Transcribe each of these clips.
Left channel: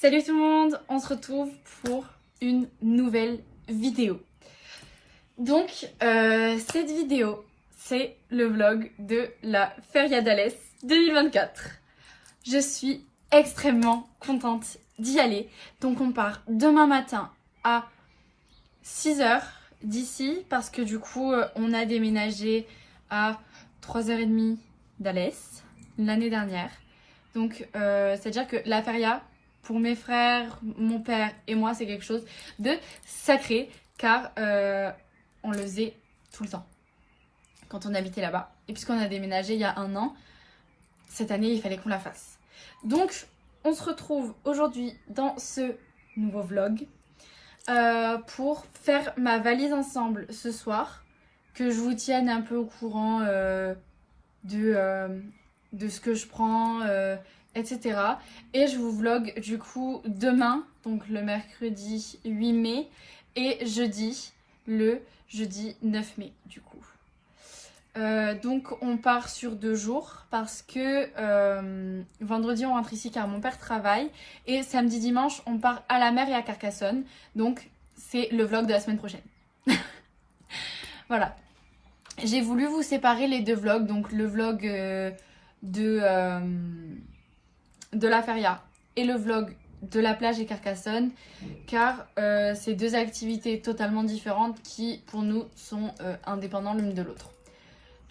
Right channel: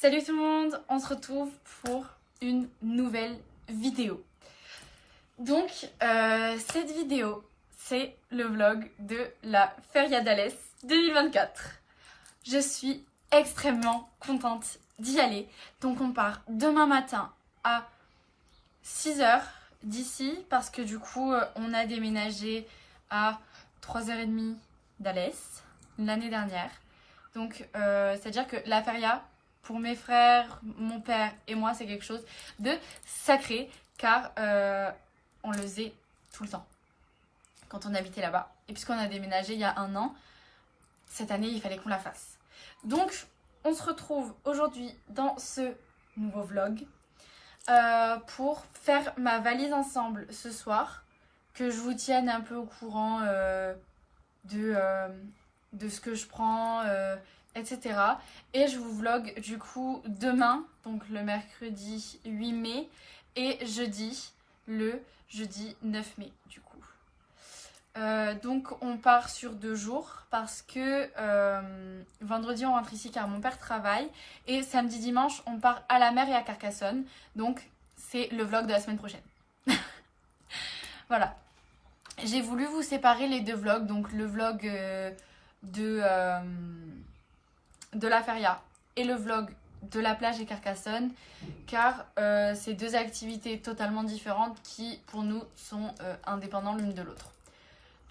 Salut tout le monde, on se retrouve pour une nouvelle vidéo. Donc cette vidéo, c'est le vlog de la Feria d'Alès 2024. Je suis extrêmement contente d'y aller. Donc on part demain matin à 6 h d'ici parce que du coup on a déménagé à 3 h 30 d'Alès l'année dernière. Donc c'est-à-dire que la Feria, pour mes frères, mon père et moi, c'est quelque chose de sacré car on le faisait tout le temps quand on habitait là-bas. Et puisqu'on a déménagé il y a 1 an, cette année il fallait qu'on la fasse. Donc on se retrouve aujourd'hui dans ce nouveau vlog pour faire ma valise ensemble ce soir, que je vous tienne un peu au courant de ce que je prends, etc. Et je vous vlog du coup demain, donc le mercredi 8 mai, et jeudi, le jeudi 9 mai du coup. Donc on part sur 2 jours parce que vendredi on rentre ici car mon père travaille, et samedi dimanche on part à la mer et à Carcassonne, donc c'est le vlog de la semaine prochaine. Voilà, j'ai voulu vous séparer les 2 vlogs, donc le vlog de la Feria et le vlog de la plage et Carcassonne, car c'est 2 activités totalement différentes qui pour nous sont indépendantes l'une de l'autre.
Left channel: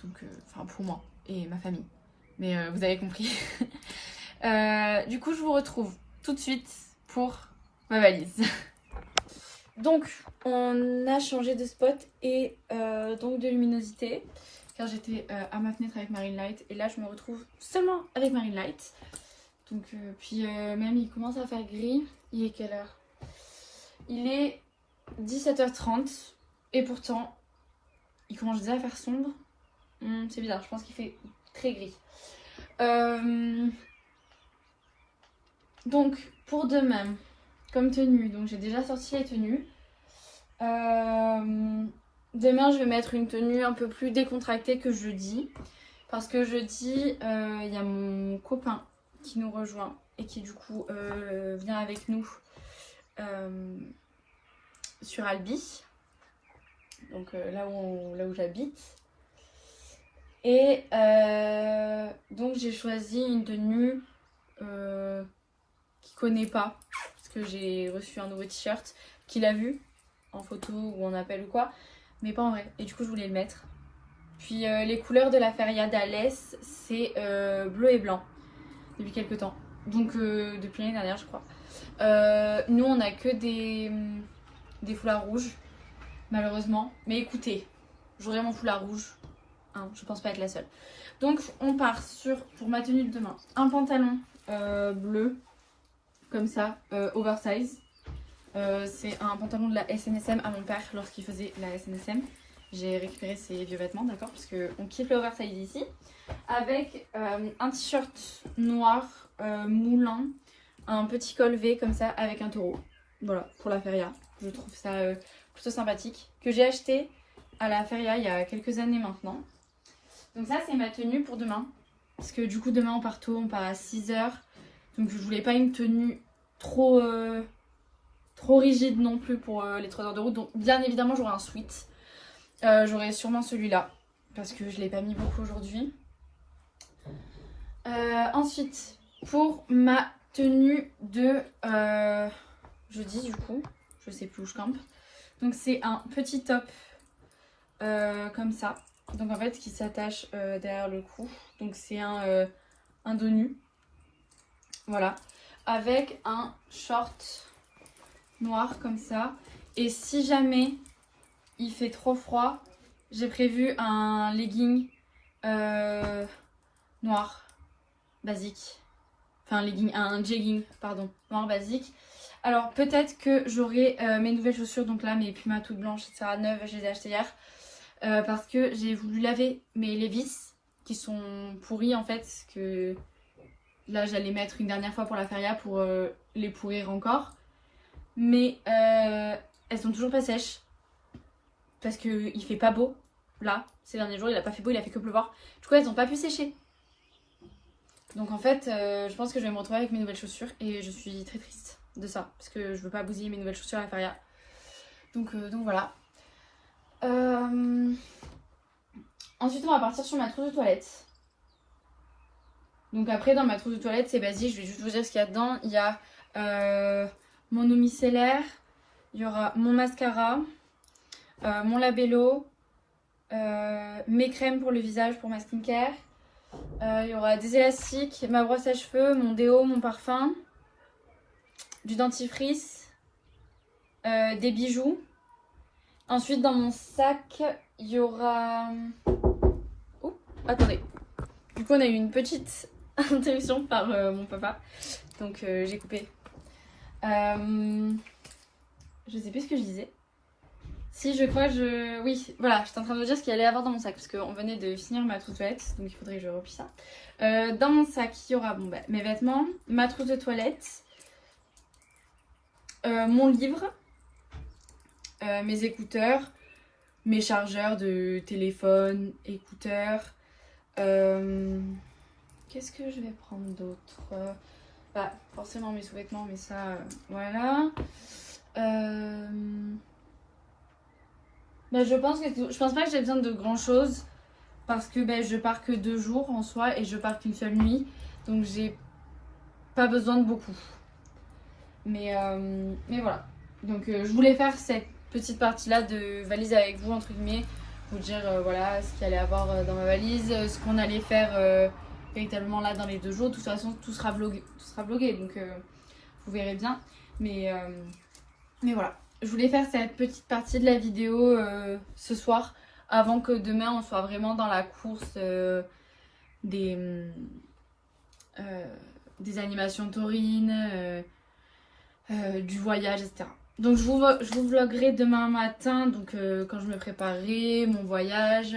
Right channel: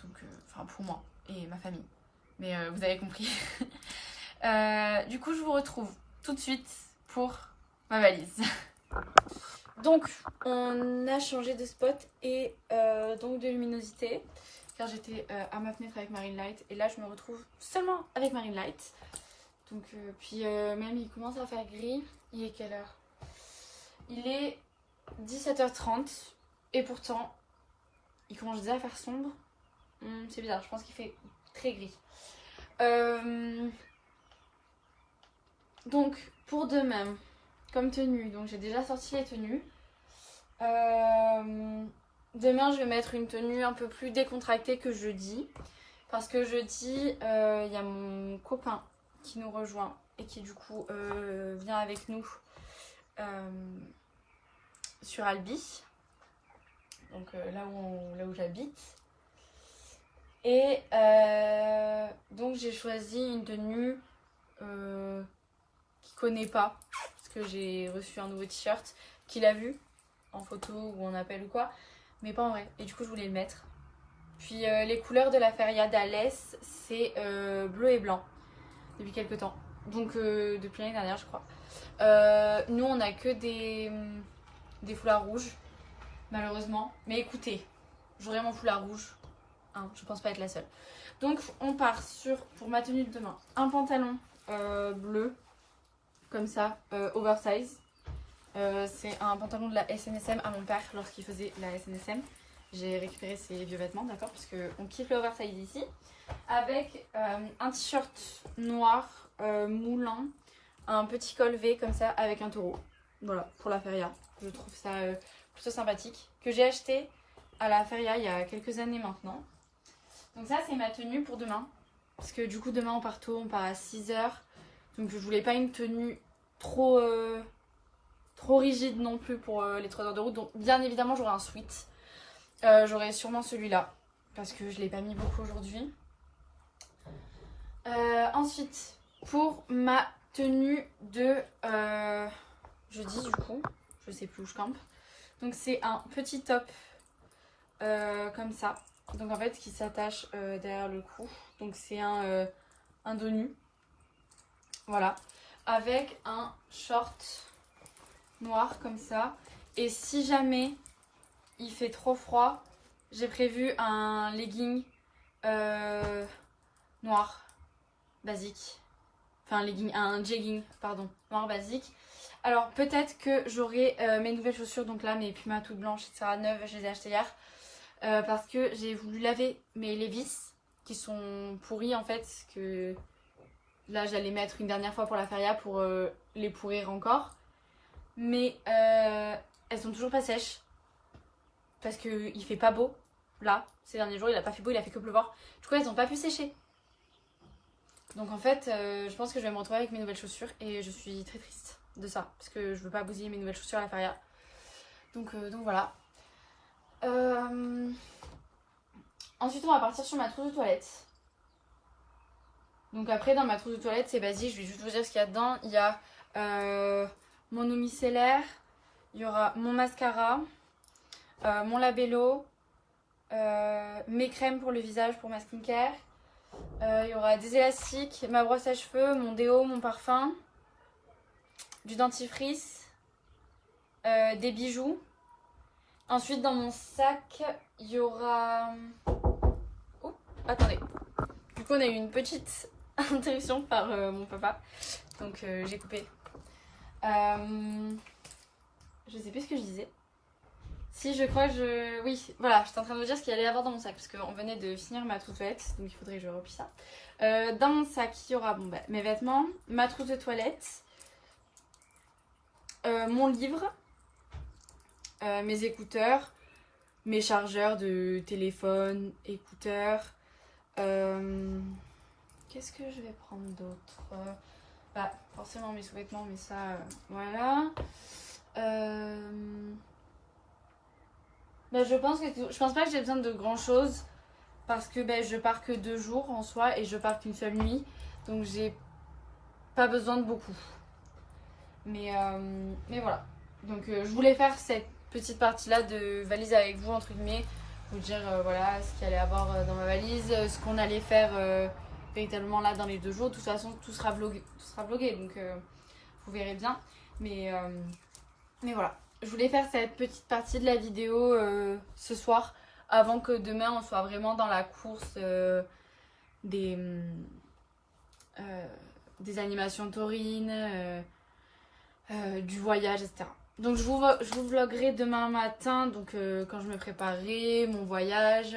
Donc enfin pour moi et ma famille, mais vous avez compris. Du coup je vous retrouve tout de suite pour ma valise. Donc on a changé de spot et donc de luminosité, car j'étais à ma fenêtre avec Marine Light et là je me retrouve seulement avec Marine Light. Donc puis même il commence à faire gris. Il est quelle heure? Il est 17 h 30 et pourtant il commence déjà à faire sombre. C'est bizarre, je pense qu'il fait très gris. Donc pour demain, comme tenue, donc j'ai déjà sorti les tenues. Demain je vais mettre une tenue un peu plus décontractée que jeudi, parce que jeudi il y a mon copain qui nous rejoint et qui du coup vient avec nous sur Albi, donc là où j'habite. Et donc j'ai choisi une tenue qu'il connaît pas, parce que j'ai reçu un nouveau t-shirt qu'il a vu en photo ou en appel ou quoi, mais pas en vrai, et du coup je voulais le mettre. Puis les couleurs de la Feria d'Alès, c'est bleu et blanc depuis quelques temps, donc depuis l'année dernière je crois. Nous on a que des foulards rouges malheureusement, mais écoutez, j'aurai mon foulard rouge, hein, je pense pas être la seule. Donc on part sur, pour ma tenue de demain, un pantalon bleu comme ça, oversize. C'est un pantalon de la SNSM à mon père lorsqu'il faisait la SNSM. J'ai récupéré ses vieux vêtements, d'accord, parce qu'on kiffe le oversize ici. Avec un t-shirt noir moulant, un petit col V comme ça avec un taureau. Voilà, pour la Feria. Je trouve ça plutôt sympathique. Que j'ai acheté à la Feria il y a quelques années maintenant. Donc ça c'est ma tenue pour demain. Parce que du coup demain on part tôt, on part à 6 h. Donc je voulais pas une tenue trop rigide non plus pour les 3 heures de route. Donc bien évidemment j'aurai un sweat. J'aurai sûrement celui-là, parce que je l'ai pas mis beaucoup aujourd'hui. Ensuite, pour ma tenue de jeudi du coup, je sais plus où je campe. Donc c'est un petit top comme ça. Donc en fait qui s'attache derrière le cou. Donc c'est un dos nu. Voilà. Avec un short noir comme ça. Et si jamais il fait trop froid, j'ai prévu un legging noir basique. Enfin un jegging, pardon, noir basique. Alors peut-être que j'aurai mes nouvelles chaussures, donc là mes Puma toutes blanches, etc. neuves, je les ai achetées hier. Parce que j'ai voulu laver mes Levi's qui sont pourris en fait. Que là j'allais mettre une dernière fois pour la Feria pour les pourrir encore. Mais elles sont toujours pas sèches. Parce qu'il fait pas beau. Là, ces derniers jours, il a pas fait beau, il a fait que pleuvoir. Du coup, elles ont pas pu sécher. Donc en fait, je pense que je vais me retrouver avec mes nouvelles chaussures et je suis très triste. de ça. Parce que je veux pas bousiller mes nouvelles chaussures à la feria. Donc voilà. Ensuite, on va partir sur ma trousse de toilette. Donc après, dans ma trousse de toilette, c'est basique. Je vais juste vous dire ce qu'il y a dedans. Il y a mon eau micellaire. Il y aura mon mascara. Mon labello. Mes crèmes pour le visage, pour ma skincare. Il y aura des élastiques, ma brosse à cheveux, mon déo, mon parfum. Du dentifrice. Des bijoux. Ensuite, dans mon sac, il y aura... Oh, attendez. Du coup, on a eu une petite interruption par mon papa. Donc, j'ai coupé. Je sais plus ce que je disais. Si, je crois que oui, voilà, j'étais en train de vous dire ce qu'il allait y avoir dans mon sac. Parce qu'on venait de finir ma trousse de toilette. Donc, il faudrait que je replie ça. Dans mon sac, il y aura mes vêtements, ma trousse de toilette, mon livre, mes écouteurs, mes chargeurs de téléphone, écouteurs. Qu'est-ce que je vais prendre d'autre? Bah, forcément mes sous-vêtements, mais ça, voilà. Bah, je pense pas que j'ai besoin de grand chose parce que je pars que 2 jours en soi et je pars qu'une seule nuit, donc j'ai pas besoin de beaucoup. Mais voilà. Donc je voulais faire cette petite partie là de valise avec vous entre guillemets, vous dire voilà ce qu'il allait avoir dans ma valise, ce qu'on allait faire véritablement là dans les 2 jours. De toute façon tout sera vlogué, donc vous verrez bien. Mais voilà, je voulais faire cette petite partie de la vidéo ce soir avant que demain on soit vraiment dans la course des animations taurines, du voyage, etc. Donc je vous vloggerai demain matin, donc quand je me préparerai, mon voyage,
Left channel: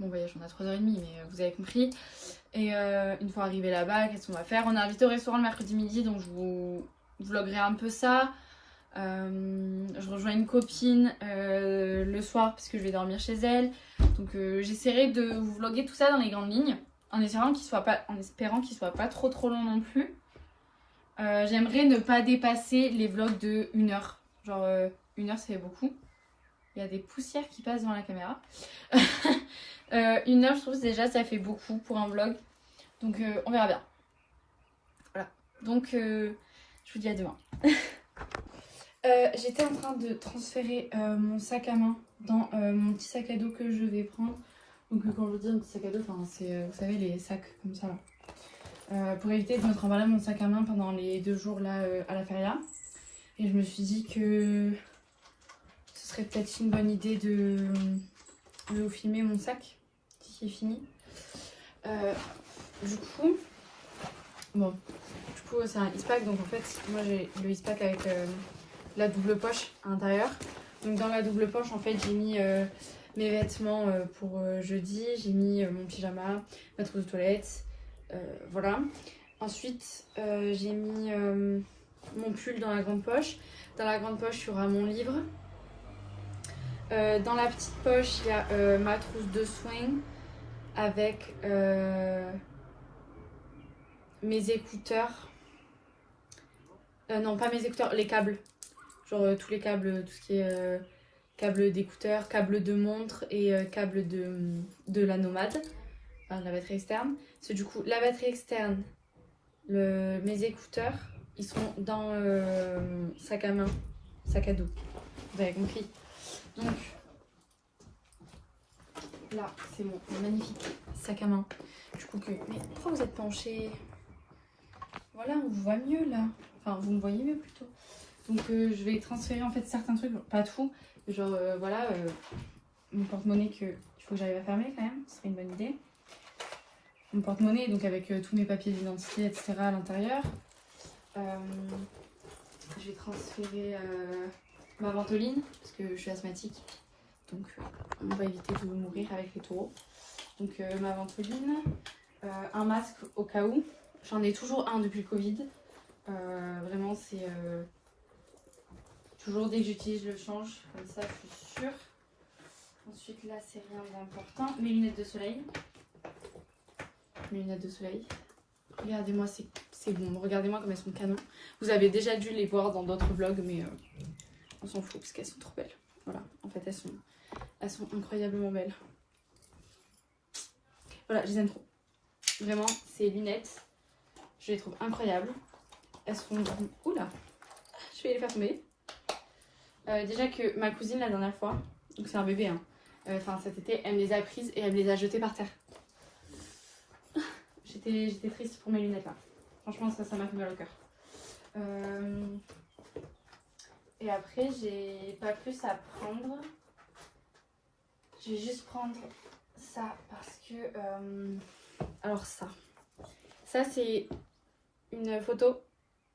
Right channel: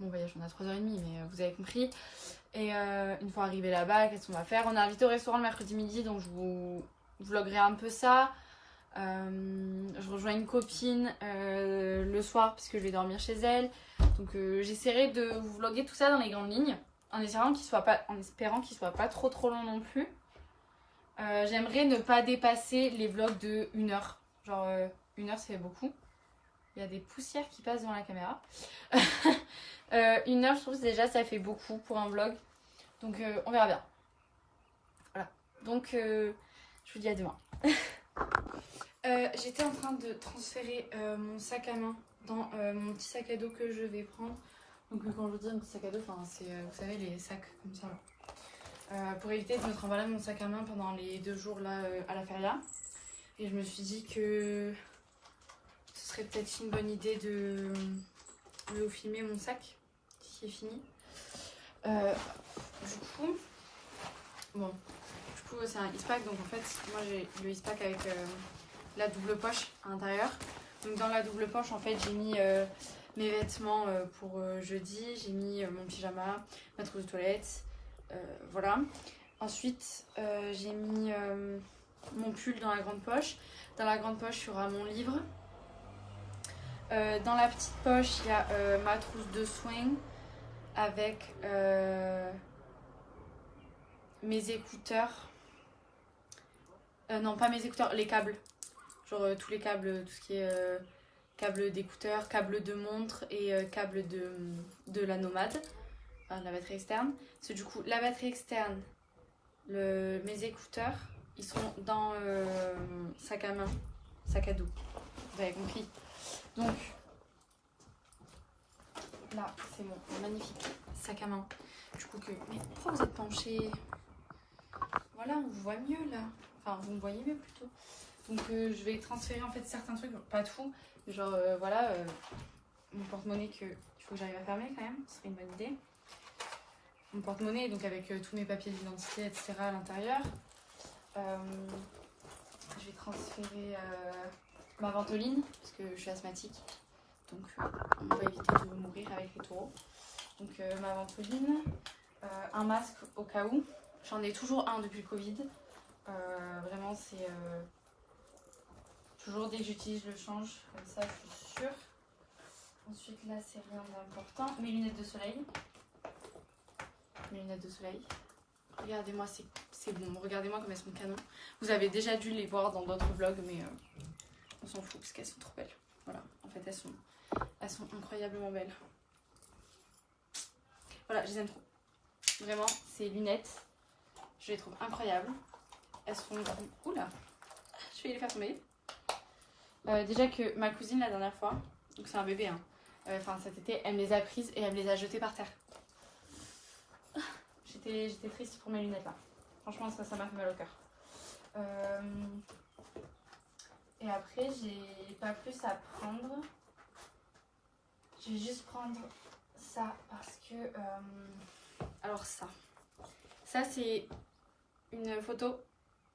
on a 3h30 mais vous avez compris. Et une fois arrivé là-bas, qu'est-ce qu'on va faire? On est invité au restaurant le mercredi midi, donc je vous vloggerai un peu ça. Je rejoins une copine le soir parce que je vais dormir chez elle. Donc j'essaierai de vous vlogger tout ça dans les grandes lignes, en espérant qu'il soit pas trop long non plus. J'aimerais ne pas dépasser les vlogs de 1 heure. Genre 1 heure, ça fait beaucoup. Il y a des poussières qui passent devant la caméra. 1 heure, je trouve que déjà ça fait beaucoup pour un vlog. Donc on verra bien. Voilà. Donc je vous dis à demain. J'étais en train de transférer mon sac à main dans mon petit sac à dos que je vais prendre. Donc quand je vous dis un petit sac à dos, c'est vous savez les sacs comme ça là. Pour éviter de me trimballer mon sac à main pendant les 2 jours là à la feria. Et je me suis dit que ce serait peut-être une bonne idée de vous filmer mon sac qui est fini. Du coup c'est un Eastpak, donc en fait moi j'ai le Eastpak avec la double poche à l'intérieur. Donc dans la double poche en fait j'ai mis mes vêtements pour jeudi, j'ai mis mon pyjama, ma trousse de toilette, voilà. Ensuite j'ai mis mon pull dans la grande poche. Dans la grande poche il y aura mon livre. Dans la petite poche il y a ma trousse de swing avec mes écouteurs. Non pas mes écouteurs, les câbles. Genre tous les câbles, tout ce qui est câble d'écouteurs, câble de montre et câble de la nomade, enfin, la batterie externe. Parce que du coup la batterie externe, mes écouteurs, ils sont dans sac à main, sac à dos. Vous avez compris. Donc là c'est mon magnifique sac à main. Du coup mais pourquoi vous êtes penché? Voilà, on vous voit mieux là. Enfin vous me voyez mieux plutôt. Donc je vais transférer en fait certains trucs, pas tout. Genre voilà, mon porte-monnaie qu'il faut que j'arrive à fermer quand même, ce serait une bonne idée. Mon porte-monnaie, donc avec tous mes papiers d'identité, etc. à l'intérieur. Je vais transférer ma ventoline, parce que je suis asthmatique. Donc on va éviter de mourir avec les taureaux. Donc ma ventoline, un masque au cas où. J'en ai toujours un depuis le Covid. Vraiment c'est... toujours dès que j'utilise je le change, comme ça je suis sûre. Ensuite là c'est rien d'important, mes lunettes de soleil. Mes lunettes de soleil. Regardez-moi ces c'est bon, regardez-moi comme elles sont canon. Vous avez déjà dû les voir dans d'autres vlogs, mais on s'en fout parce qu'elles sont trop belles. Voilà, en fait elles sont incroyablement belles. Voilà, je les aime trop. Vraiment, ces lunettes, je les trouve incroyables. Elles sont... Oula, je vais les faire tomber. Déjà que ma cousine la dernière fois, donc c'est un bébé, hein, enfin cet été, elle me les a prises et elle me les a jetées par terre. J'étais triste pour mes lunettes là. Franchement ça m'a fait mal au cœur. Et après j'ai pas plus à prendre. Je vais juste prendre ça parce que... alors ça c'est une photo,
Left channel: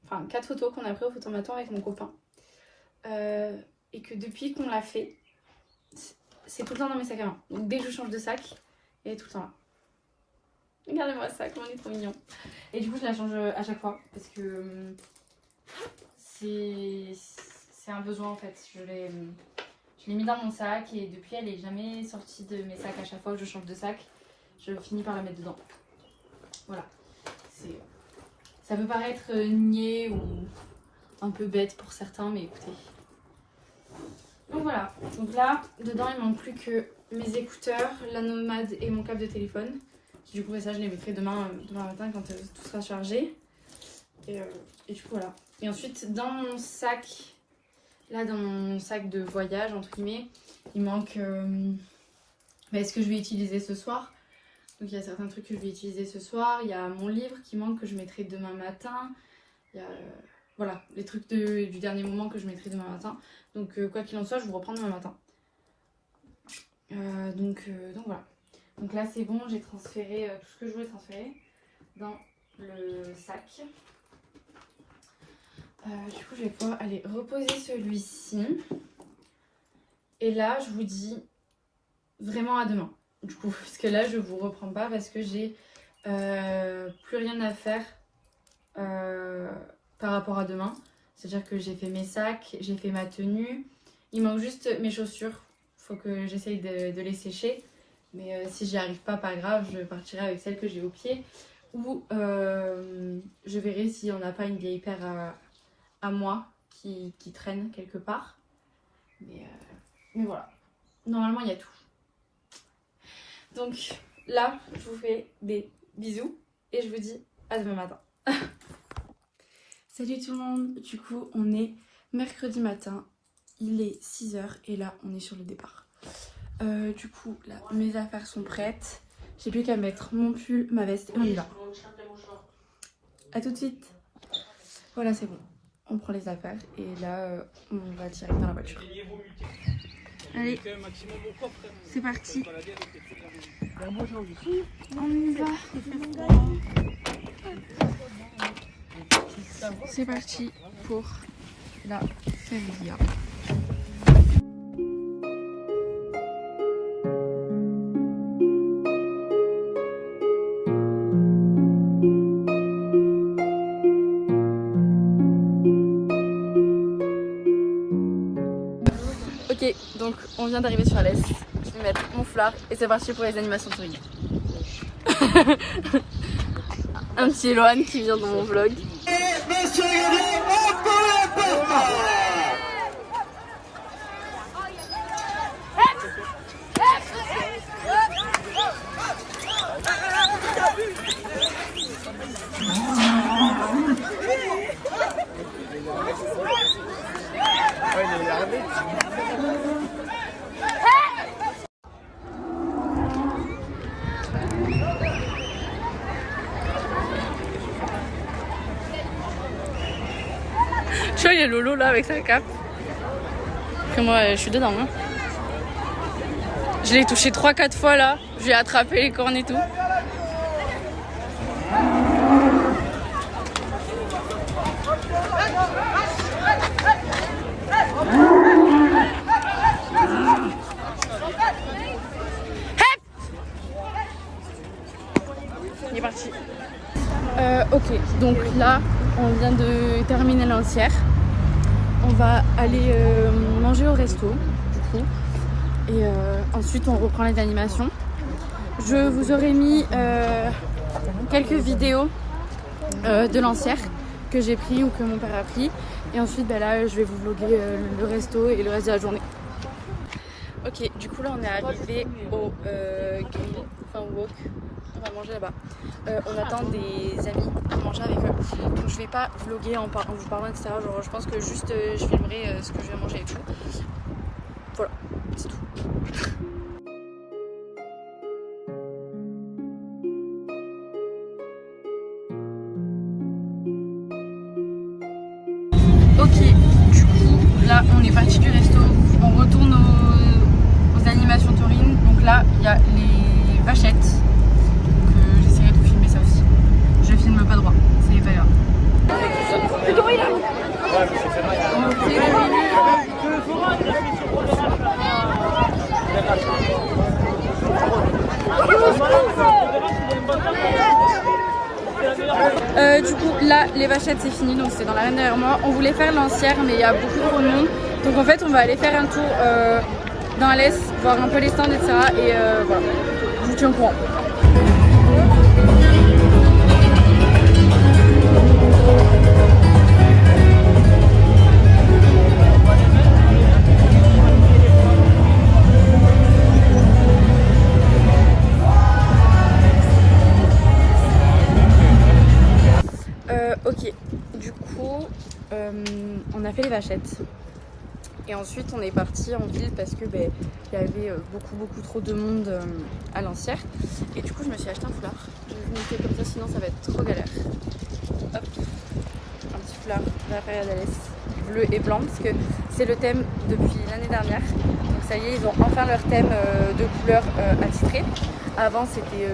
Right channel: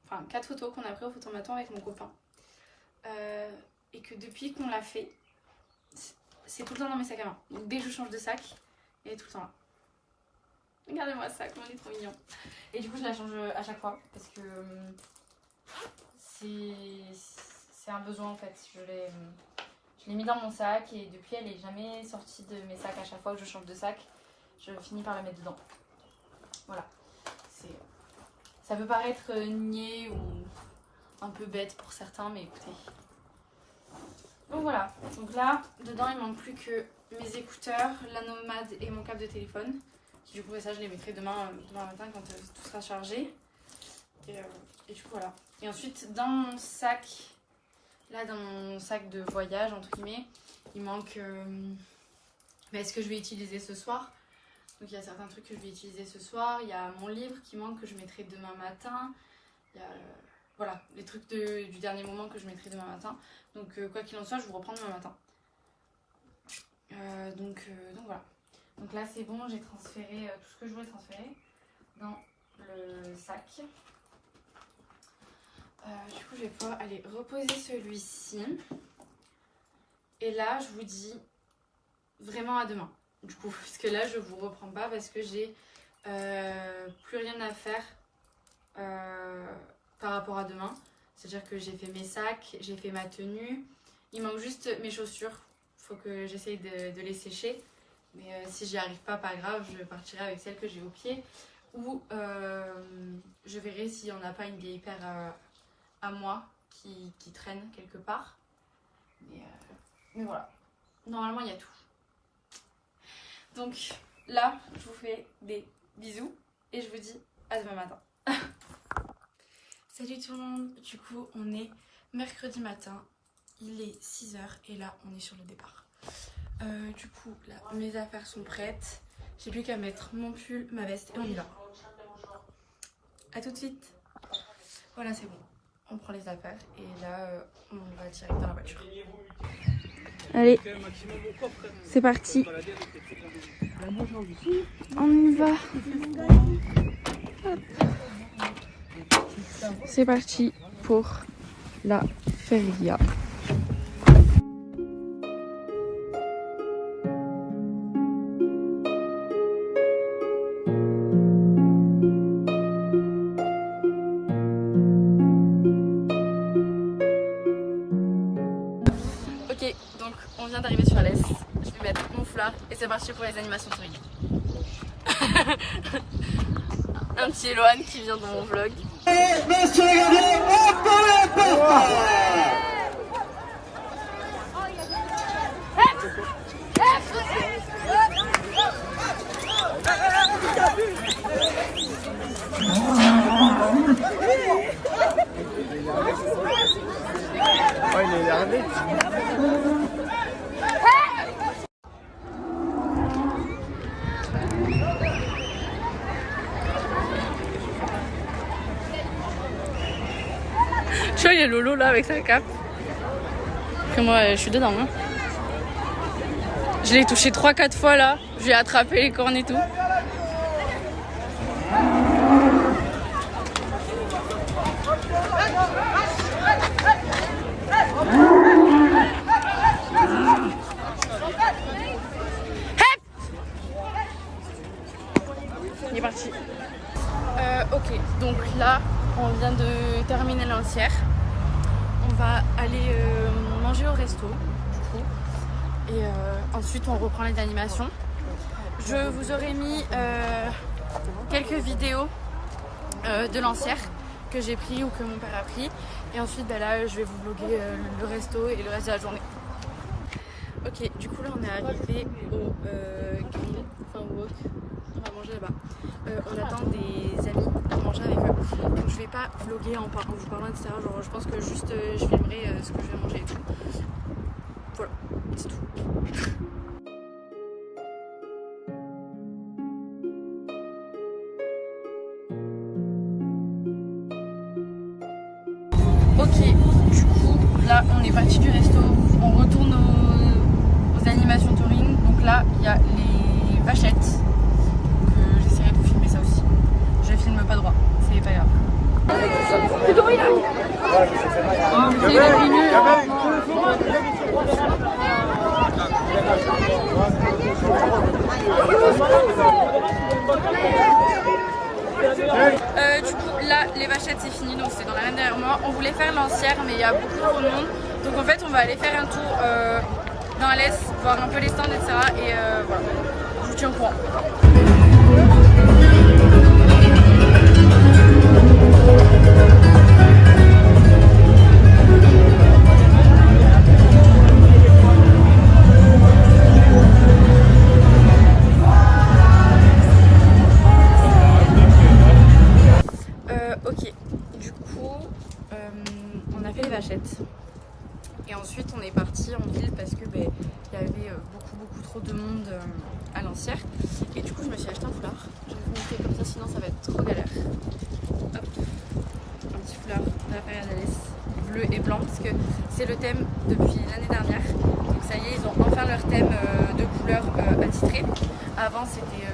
enfin 4 photos qu'on a pris au photomaton avec mon copain. Et que depuis qu'on l'a fait, c'est tout le temps dans mes sacs à main. Donc dès que je change de sac, elle est tout le temps là. Regardez-moi ça, comment il est trop mignon. Et du coup je la change à chaque fois parce que c'est un besoin en fait. Je l'ai mis dans mon sac et depuis elle n'est jamais sortie de mes sacs. À chaque fois que je change de sac, je finis par la mettre dedans. Voilà. Ça peut paraître niais ou un peu bête pour certains, mais écoutez. Donc voilà. Donc là, dedans, il ne manque plus que mes écouteurs, la Nomade et mon câble de téléphone. Du coup, ça, je les mettrai demain matin quand tout sera chargé. Et du coup, voilà. Et ensuite, dans mon sac, là, dans mon sac de voyage, entre guillemets, il manque ce que je vais utiliser ce soir. Donc il y a certains trucs que je vais utiliser ce soir. Il y a mon livre qui manque que je mettrai demain matin. Il y a voilà, les trucs du dernier moment que je mettrai demain matin. Donc quoi qu'il en soit, je vous reprends demain matin. Donc voilà. Donc là c'est bon, j'ai transféré tout ce que je voulais transférer dans le sac. Du coup je vais pouvoir aller reposer celui-ci. Et là je vous dis vraiment à demain. Du coup, parce que là je vous reprends pas parce que j'ai plus rien à faire par rapport à demain. C'est-à-dire que j'ai fait mes sacs, j'ai fait ma tenue. Il manque juste mes chaussures. Faut que j'essaye de les sécher. Mais si j'y arrive pas, pas grave, je partirai avec celles que j'ai au pied. Ou je verrai si on n'a pas une vieille paire à moi qui traîne quelque part. Mais voilà. Normalement, il y a tout. Donc là, je vous fais des bisous et je vous dis à demain matin. Salut tout le monde, du coup on est mercredi matin, il est 6 h et là on est sur le départ. Du coup là mes affaires sont prêtes, j'ai plus qu'à mettre mon pull, ma veste et on y va. A tout de suite. Voilà c'est bon, on prend les affaires et là on va direct dans la voiture. Allez, c'est parti. On y va. C'est parti pour la feria. Ok, donc on vient d'arriver sur l'Est. Je vais mettre mon foulard et c'est parti pour les animations touristiques. Un petit Eloane qui vient dans mon vlog. Tu vois, il y a Lolo là avec sa cape. Après moi, je suis dedans. Hein. Je l'ai touché 3-4 fois là. Je lui ai attrapé les cornes et tout. Il est parti. Ok, donc là, on vient de terminer l'entière. On va aller manger au resto, du coup. Et ensuite, on reprend les animations. Je vous aurais mis quelques vidéos de Lancière que j'ai pris ou que mon père a pris. Et ensuite bah là je vais vous vlogger le resto et le reste de la journée. Ok, du coup là on est arrivé au grill, enfin au wok, on va manger là-bas. On attend des amis pour manger avec eux. Donc je vais pas vlogger en vous parlant etc. Genre je pense que juste je filmerai ce que je vais manger et tout. Voilà, c'est tout. Ok, du coup, là on est parti du resto, on retourne aux animations taurines. Donc là, il y a les vachettes. Donc j'essaierai de filmer ça aussi. Je filme pas droit, c'est pas grave. Du coup là les vachettes c'est fini, donc c'est dans la reine derrière moi. On voulait faire Lancière mais il y a beaucoup trop de monde, donc en fait on va aller faire un tour dans Alès, voir un peu les stands etc. Et voilà, je vous tiens au courant. Ok, du coup, on a fait les vachettes et ensuite on est parti en ville parce que il y avait beaucoup trop de monde à Lancière et du coup je me suis acheté un foulard. Je vais vous montrer comme ça sinon ça va être trop galère. Hop, un petit foulard de la Feria d'Alès, bleu et blanc parce que c'est le thème depuis l'année dernière. Donc ça y est, ils ont enfin leur thème de couleur attitrée. Avant c'était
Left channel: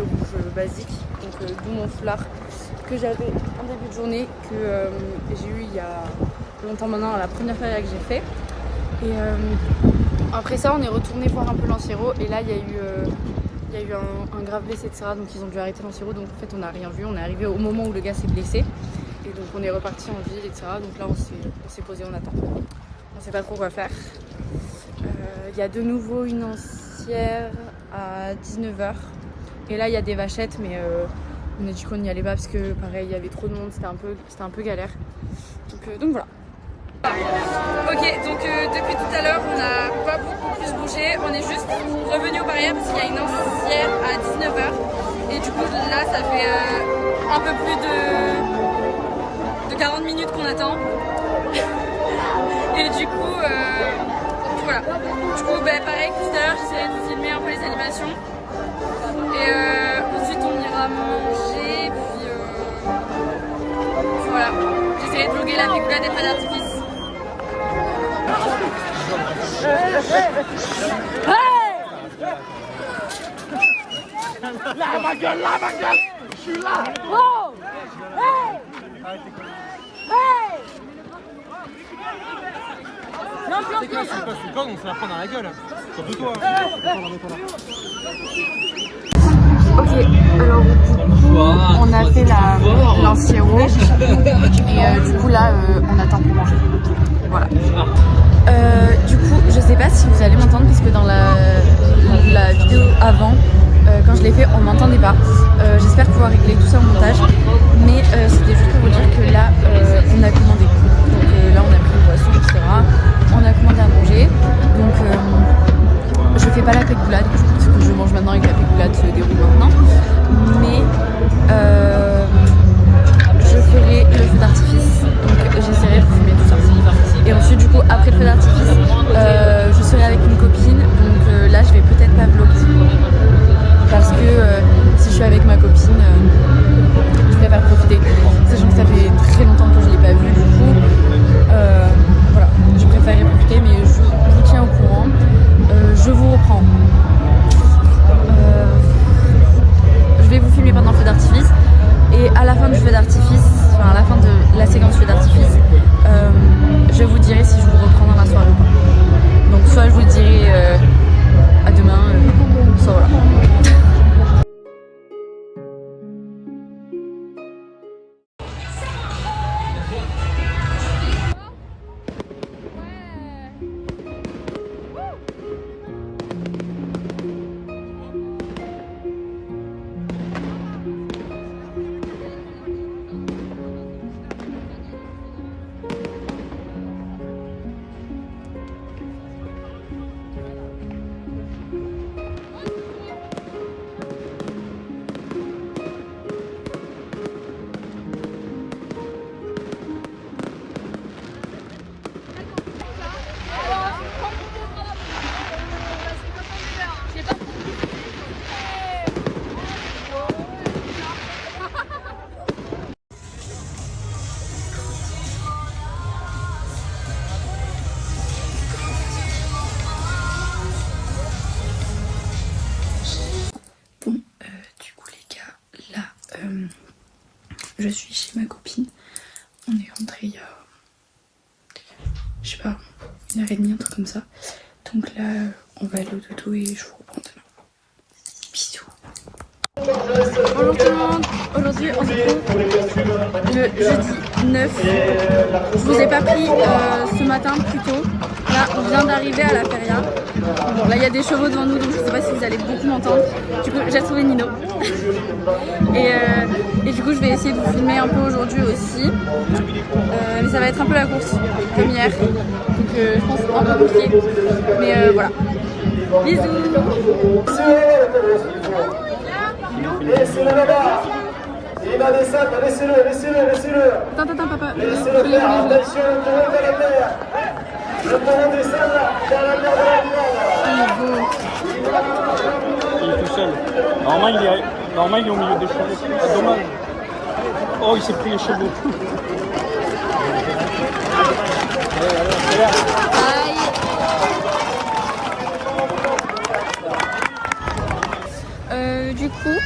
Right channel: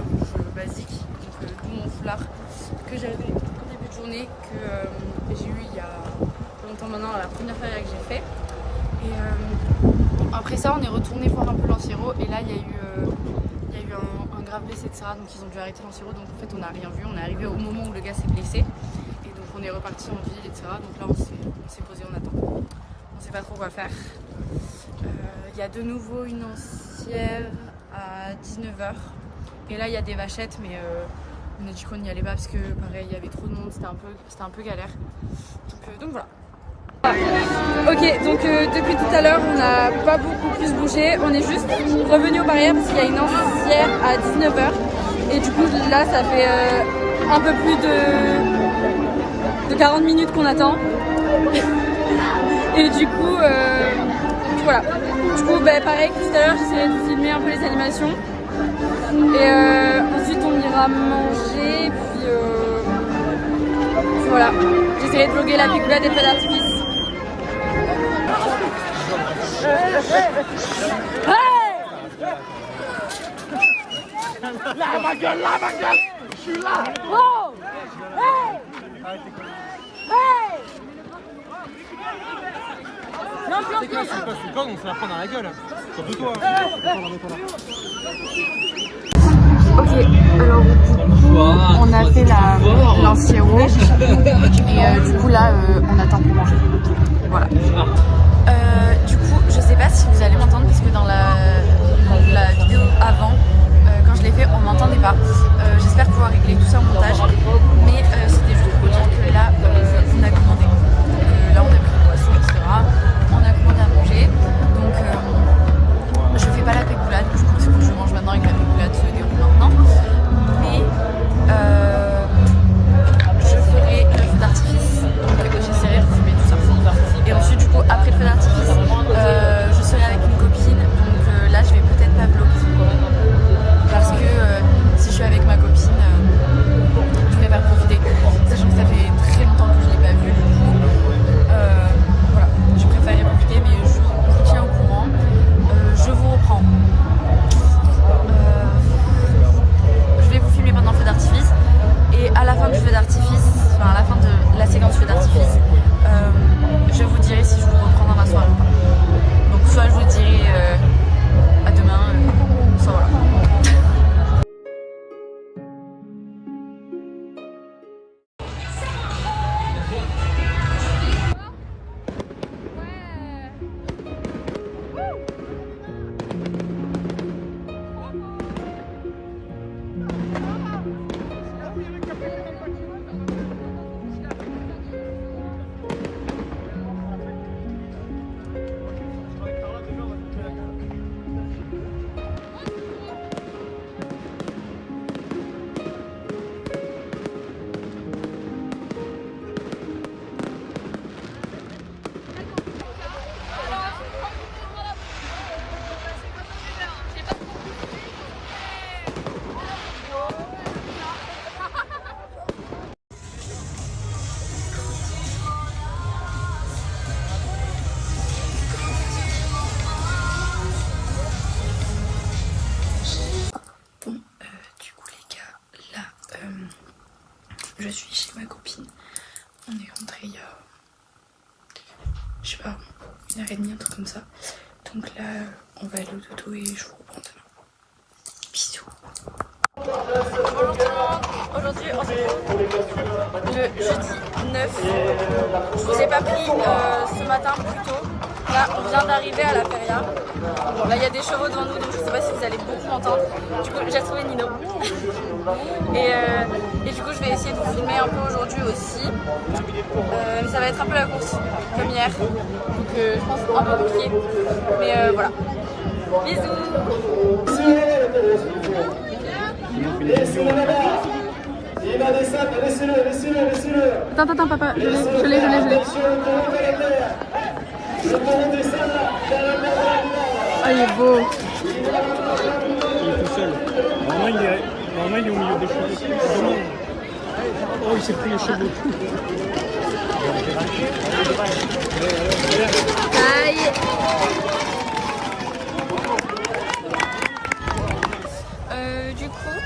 rouge basique, donc d'où mon foulard que j'avais en début de journée, que j'ai eu il y a longtemps maintenant à la première feria que j'ai fait. Et après ça on est retourné voir un peu Lanciero et là il y a eu un grave blessé etc. Donc ils ont dû arrêter Lanciero, donc en fait on n'a rien vu, on est arrivé au moment où le gars s'est blessé et donc on est reparti en ville etc. Donc là on s'est posé, on attend, on sait pas trop quoi faire. Il y a de nouveau une lancière à 19h et là il y a des vachettes mais on a dit qu'on n'y allait pas parce que pareil il y avait trop de monde, c'était un peu galère. Donc voilà. Ok, donc depuis tout à l'heure on n'a pas beaucoup plus bougé, on est juste revenu aux barrières parce qu'il y a une lancière à 19h et du coup là ça fait un peu plus de 40 minutes qu'on attend. Et du coup voilà. Du coup pareil que tout à l'heure j'essaierai de filmer un peu les animations. Et ensuite on ira manger, puis voilà, j'essaierai de vlogger la picoulade des feux d'artifice. Là ma gueule, je suis là. Oh hey hey. C'est quoi, c'est quand on se la prend dans la gueule. Surtout toi. Ok, alors du coup, on a fait la Lanciero et du coup là, on attend pour manger. Voilà. Du coup, je sais pas si vous allez m'entendre parce que dans la vidéo avant, quand je l'ai fait, on m'entendait pas. J'espère pouvoir régler tout ça au montage, mais c'était juste pour vous dire que là, on a commandé. Donc là, on a pris une boisson, etc. On a commandé à manger. Donc je fais pas la pégoulade, du coup, parce que je mange maintenant et que la pégoulade se déroule maintenant. Mais je ferai le feu d'artifice, donc j'essaierai de filmer tout ça. Et ensuite, du coup, après le feu d'artifice, je serai avec une copine, donc là, je vais peut-être pas vlogger. Parce que si je suis avec ma copine, je préfère profiter. Sachant que ça fait très longtemps que je l'ai pas vue, du coup, voilà, je préférerais profiter, mais je vous tiens au courant. Je vous reprends. Je vais vous filmer pendant le feu d'artifice et à la fin du feu d'artifice, enfin à la fin de la séquence feu d'artifice, je vous dirai si je vous reprends dans la soirée ou pas. Donc soit je vous dirai à demain, soit voilà. je suis chez ma copine. On est rentré il y a, je sais pas, 1h30, un truc comme ça. Donc là, on va aller au dodo et je vous reprends demain. Bisous. Bonjour tout le monde, aujourd'hui on se retrouve le jeudi 9. Je vous ai pas pris ce matin plus tôt. Là on vient d'arriver à la feria. Bon là il y a des chevaux devant nous donc je sais pas si vous allez beaucoup m'entendre. Du coup j'ai retrouvé Nino. Et du coup je vais essayer de vous filmer un peu aujourd'hui aussi. Mais ça va être un peu la course comme hier. Donc je pense un peu compliqué. Mais voilà. Bisous. Laissez-le là-bas. Il va descendre, laissez-le. Attends, papa. Laissez-le faire, attention, le taureau vers la terre. Le taureau descend là, vers la terre de la terre. Il est beau. Il est tout seul. Normalement, il est au milieu des chevaux. C'est dommage. Oh, il s'est pris les chevaux. Aïe. Du coup,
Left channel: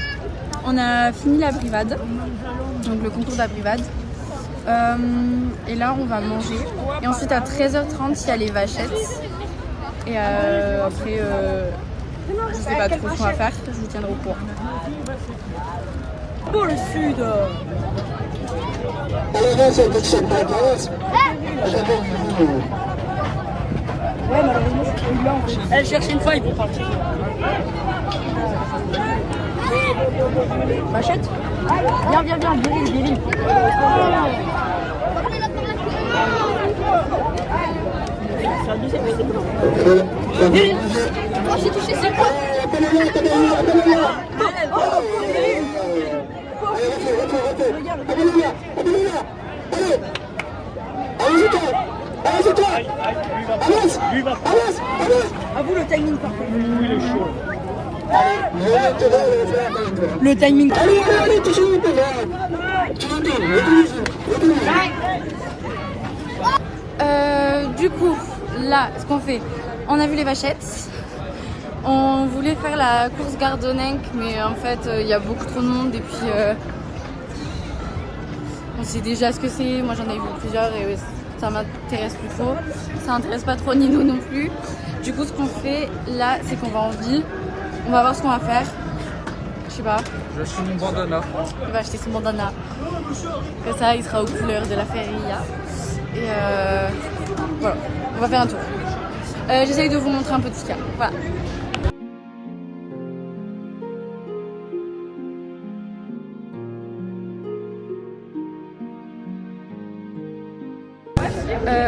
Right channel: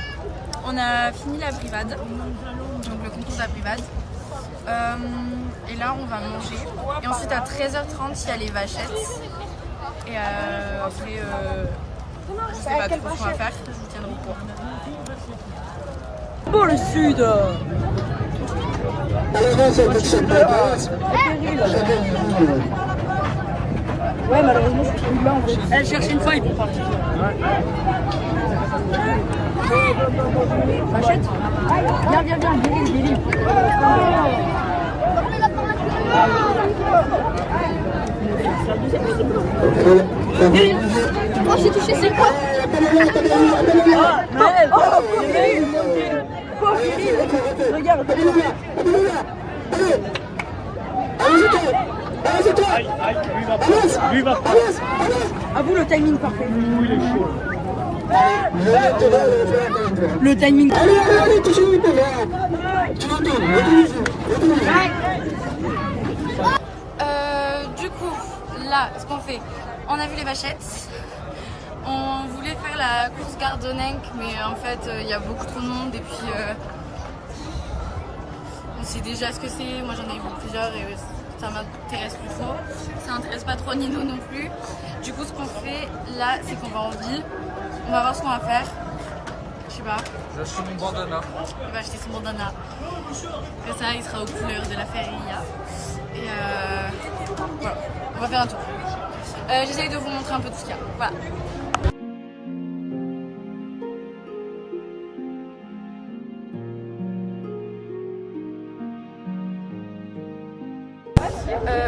on a fini la brivade, donc le concours de la brivade. Et là, on va manger. Et ensuite, à 13h30, il y a les vachettes. Et après, je sais pas trop ce qu'on va faire. Je vous tiendrai au courant. Pour le sud. Ouais, malheureusement, je suis là en fait. Elle cherche une faille pour partir. Vachette. Viens, Billy. Oh, j'ai touché, c'est quoi? Regarde. À vous le timing parfait. Le timing. Du coup, là, ce qu'on fait, on a vu les vachettes. On voulait faire la course Gardonenc, mais en fait, il y a beaucoup trop de monde et puis on sait déjà ce que c'est. Moi, j'en ai vu plusieurs et ça m'intéresse plus trop. Ça n'intéresse pas trop Nino non plus. Du coup, ce qu'on fait là, c'est qu'on va en ville. On va voir ce qu'on va faire. Je sais pas. Je suis mon bandana. Il va acheter son bandana. Après ça, il sera aux couleurs de la feria. Et voilà, on va faire un tour. J'essaye de vous montrer un peu tout ce qu'il y a. Voilà.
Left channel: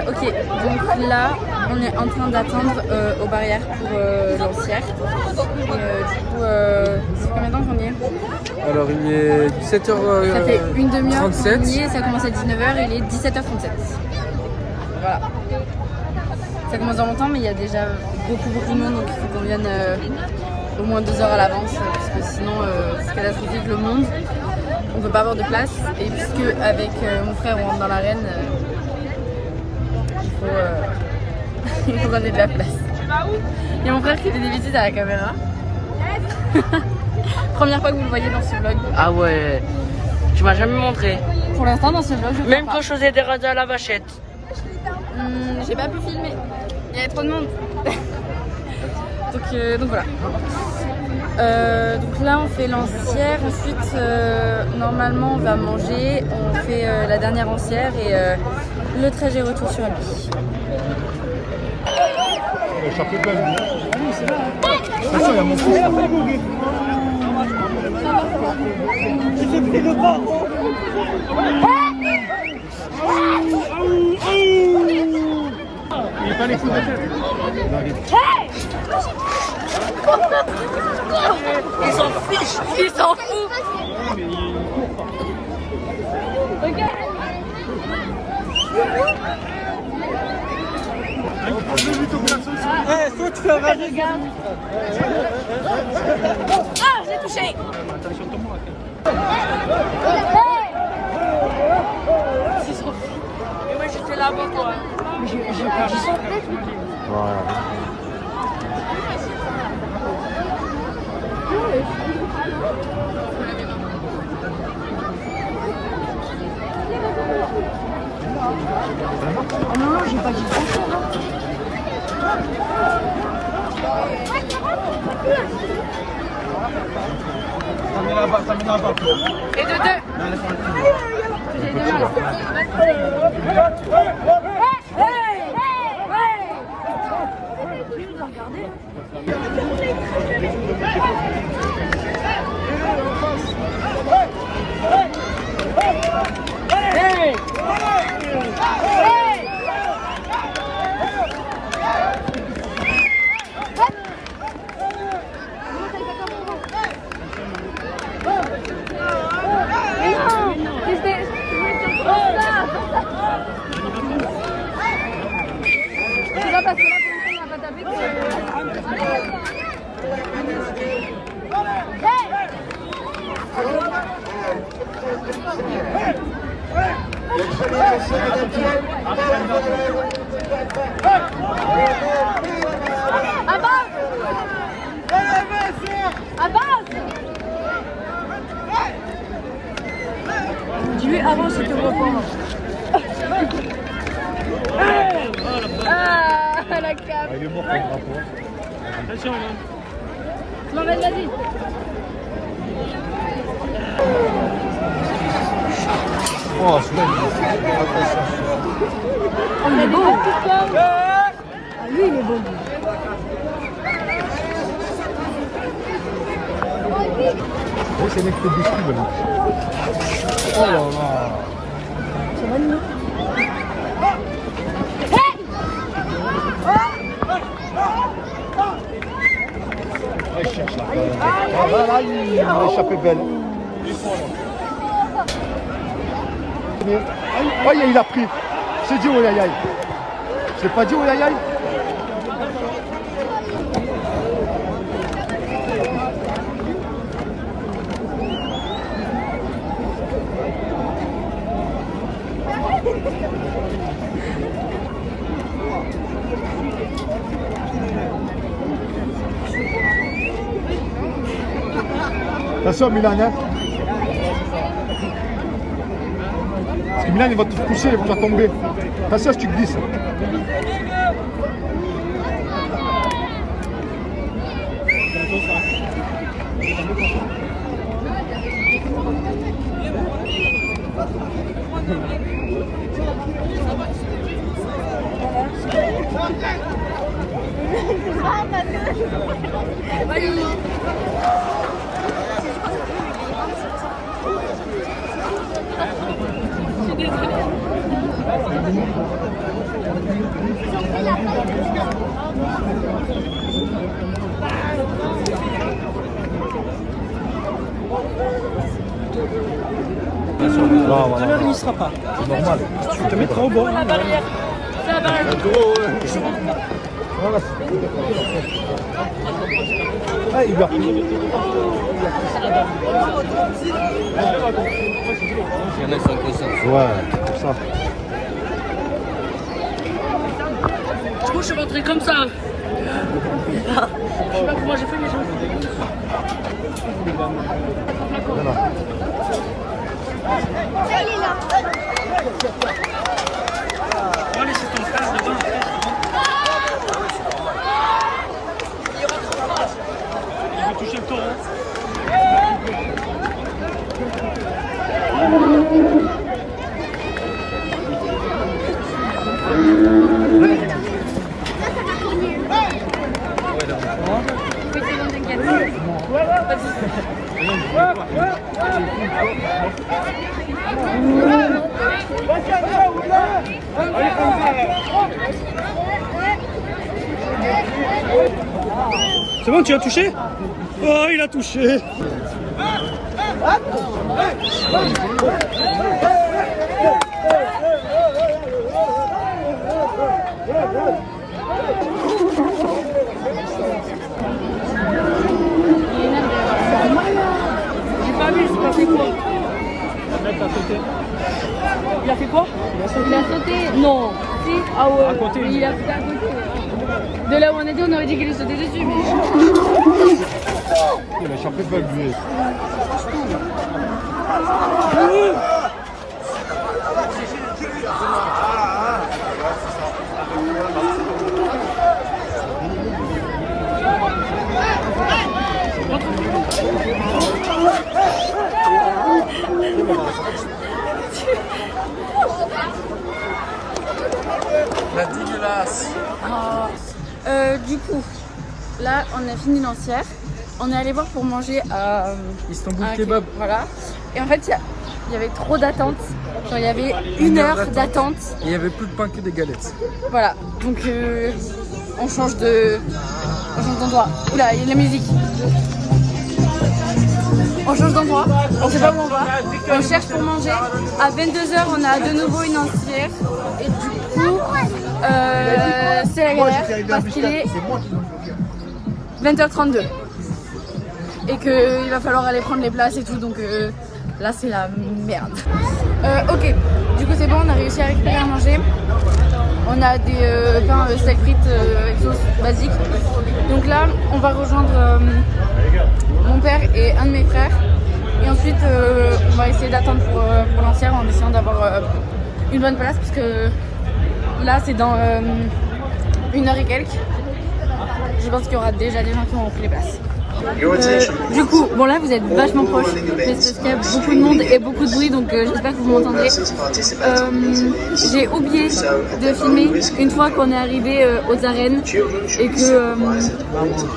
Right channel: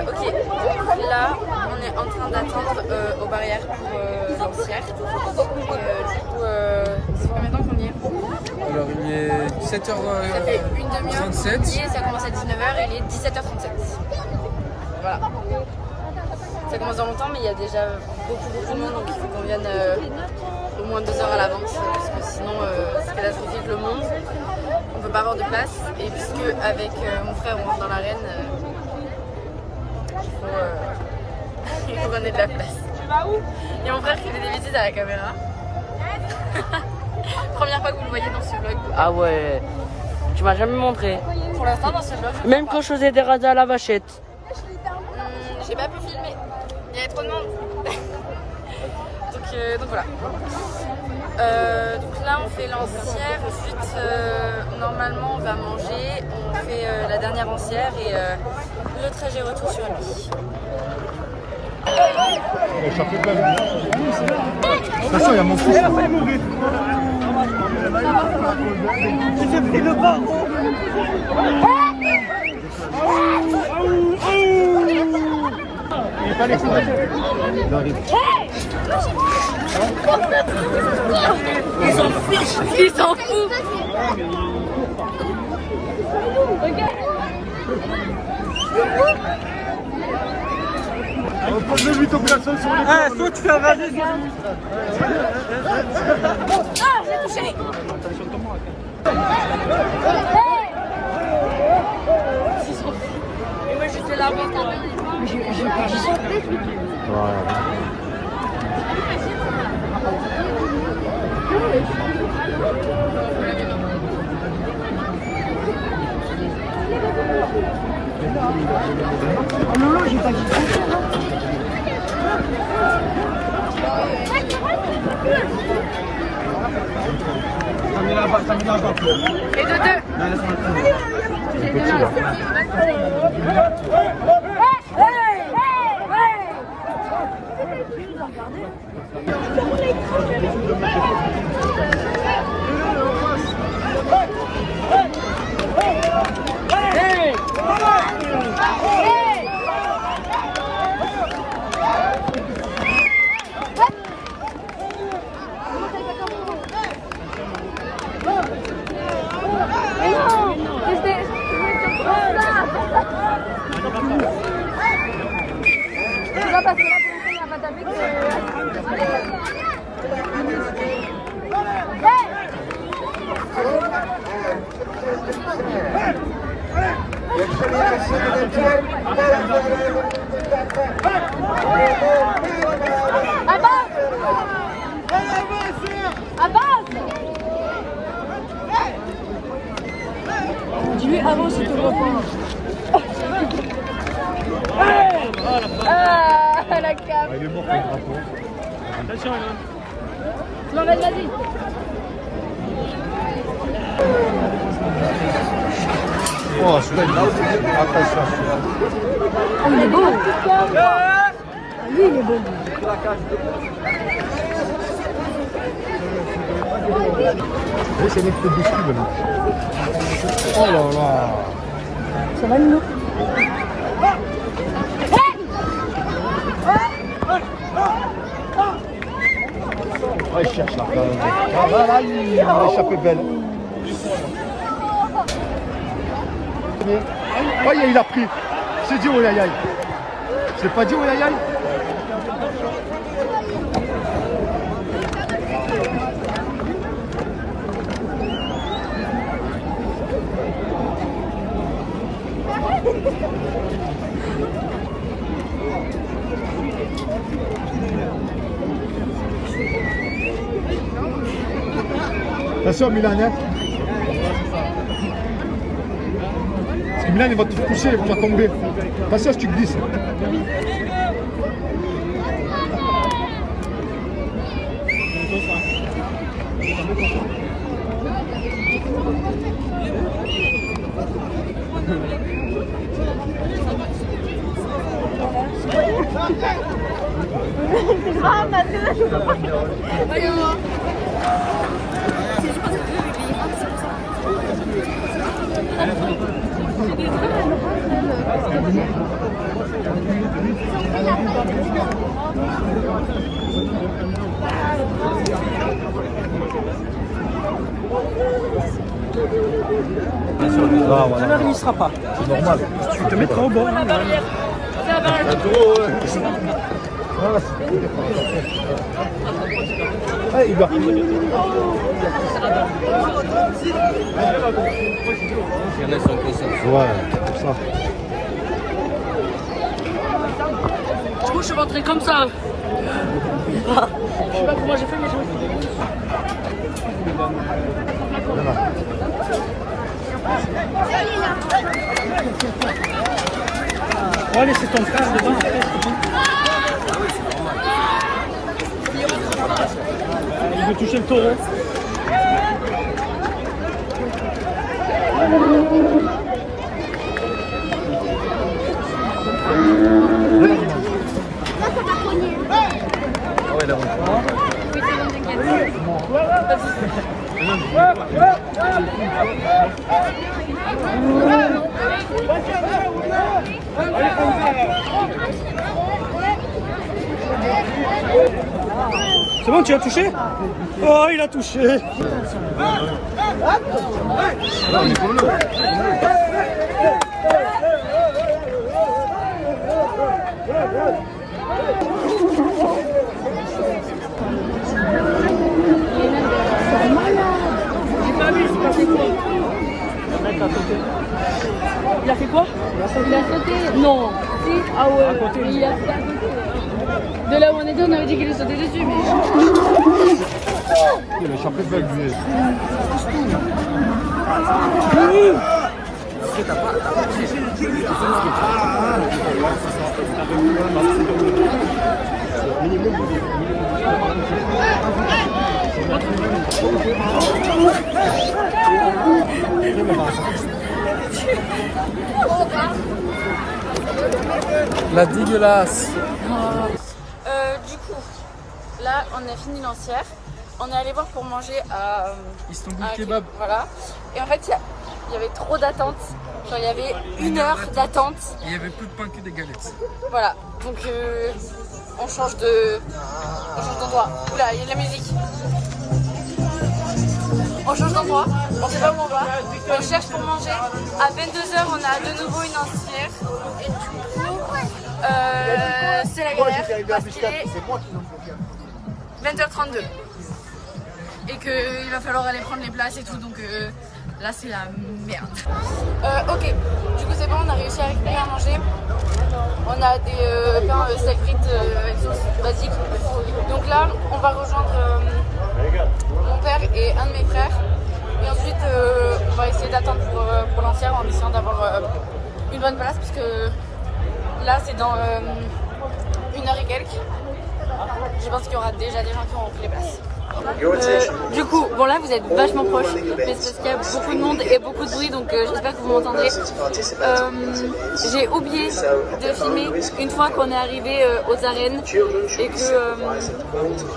Ok, donc là, on est en train d'attendre aux barrières pour Lancière. Et du coup, c'est combien de temps qu'on y est? Alors, il est 17h. Ça fait une demi-heure qu'on y est, ça commence à 19h, il est 17h37. Voilà. Ça commence dans longtemps, mais il y a déjà beaucoup de monde, donc il faut qu'on vienne au moins 2 heures à l'avance, parce que sinon c'est catastrophique le monde. On peut pas avoir de place, et puisque avec mon frère on rentre dans l'arène, il faut qu'on ait de la place. Il y a mon frère qui fait des bêtises à la caméra. Première fois que vous le voyez dans ce vlog. Ah ouais. Tu m'as jamais montré. Pour l'instant dans ce vlog, je Même crois quand je faisais des radars à la vachette. pas. J'ai pas pu filmer. Il y avait trop de monde. donc voilà. Donc là on fait Lancière, ensuite normalement on va manger, on fait la dernière Lancière et le trajet retour sur la nuit. Le chapeau de la vie. Attention, il y a mon fils. Il est pas les fous de tête. Il arrive. Ils s'en fichent. Ils s'en foutent. Regarde. Je lui tombe la seule sur les Toi, tu fais un Regarde. Ah, j'ai touché. Attention, tombe-moi. Je suis trop fou. Et moi, j'étais là avant toi. J'ai pas Oh non, non, j'ai pas dit grand-chose. Et de deux. J'ai deux mains. Tu vas parce que là pour l'instant il n'y a pas tapé que... Avance! Avance! Dis-lui avance, je te vois pas. Ah, la cape. Il est mort, le drapeau. Attention, là. Non, vas-y. Oh, celui-là, attention. Oh, il est beau. Ah, lui, il est beau. Oui, c'est mec qui fait des skis, là. Oh là là. Ça va, Nino? Ouais, il cherche là. Ah, là, il a échappé belle. Oh, il a pris. C'est dit oh aïe aïe. C'est pas dit oh aïe aïe. Attention Milan, hein. Parce que Milan il va te coucher, il va tomber. Attention si tu glisses. Voilà, voilà. Il ne sera pas. C'est normal. Tu te mets trop beau. La barrière. C'est la barrière. Voilà. Ah, il a pris. Ouais, comme ça. Du coup, je suis rentré comme ça. Je sais pas comment j'ai fait, mais j'ai Voilà. Oh, allez, c'est ton frère devant. Il veut toucher le taureau. C'est bon, tu as touché? Oh, il a touché. Il a fait quoi? Il a sauté. Non. Si. Ah ouais. À côté. Il a fait à côté. De là où on était, on avait dit qu'il est sauté dessus, mais. Il a échappé de belle lui. La dégueulasse. Du coup, là, on a fini Lancière. On est allé voir pour manger à Istanbul à- Kebab. Voilà. Et en fait, il y avait trop d'attente. Genre, il y avait 1 heure d'attente. Et il y avait plus de pain que des galettes. Voilà. Donc, on change d'endroit. Oula, il y a de la musique. On change d'endroit. On sait pas où on va. On cherche pour manger. À 22h, on a de nouveau une Lancière. Et du coup, c'est la galère parce qu'il est 20h32 et qu'il va falloir aller prendre les places et tout, donc là c'est la merde. Ok, du coup c'est bon, on a réussi à récupérer à manger. On a des pains steak frites avec sauce basique. Donc là on va rejoindre mon père et un de mes frères. Et ensuite on va essayer d'attendre pour Lancière en essayant d'avoir une bonne place, parce que là c'est dans 1 heure et quelques. Je pense qu'il y aura déjà des gens qui ont pris les places. Du coup, bon là vous êtes vachement proches parce qu'il y a beaucoup de monde et beaucoup de bruit, donc j'espère que vous m'entendrez. J'ai oublié de filmer une fois qu'on est arrivé aux arènes et que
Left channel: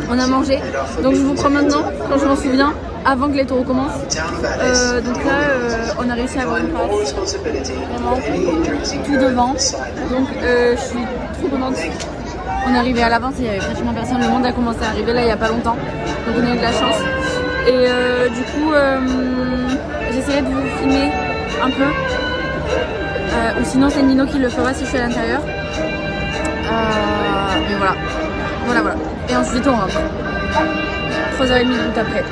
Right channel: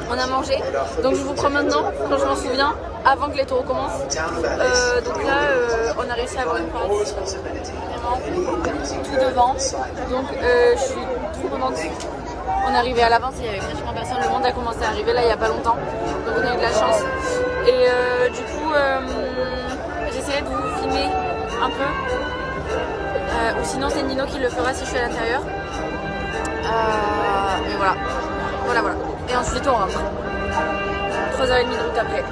on a mangé. Donc je vous prends maintenant quand je m'en souviens, avant que les taureaux commencent. Donc là on a réussi à avoir une place vraiment tout devant. Donc je suis trop contente. On est arrivé à l'avance, il y avait pratiquement personne, le monde a commencé à arriver là il n'y a pas longtemps, donc on a eu de la chance. Et du coup, j'essaierai de vous filmer un peu, ou sinon c'est Nino qui le fera si je suis à l'intérieur. Mais voilà. Et ensuite on rentre. 3h30 de route après.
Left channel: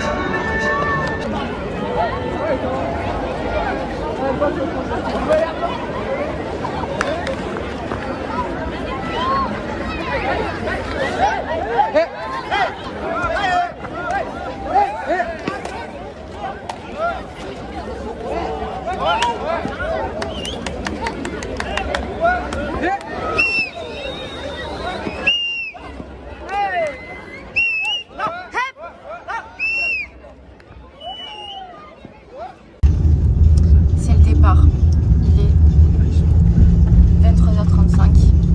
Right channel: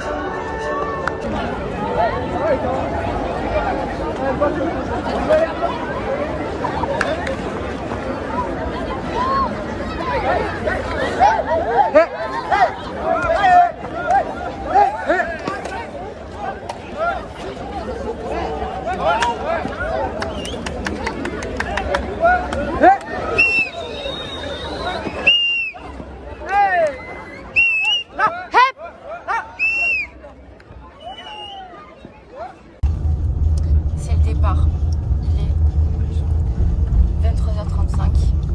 C'est le départ. Il est 23h35.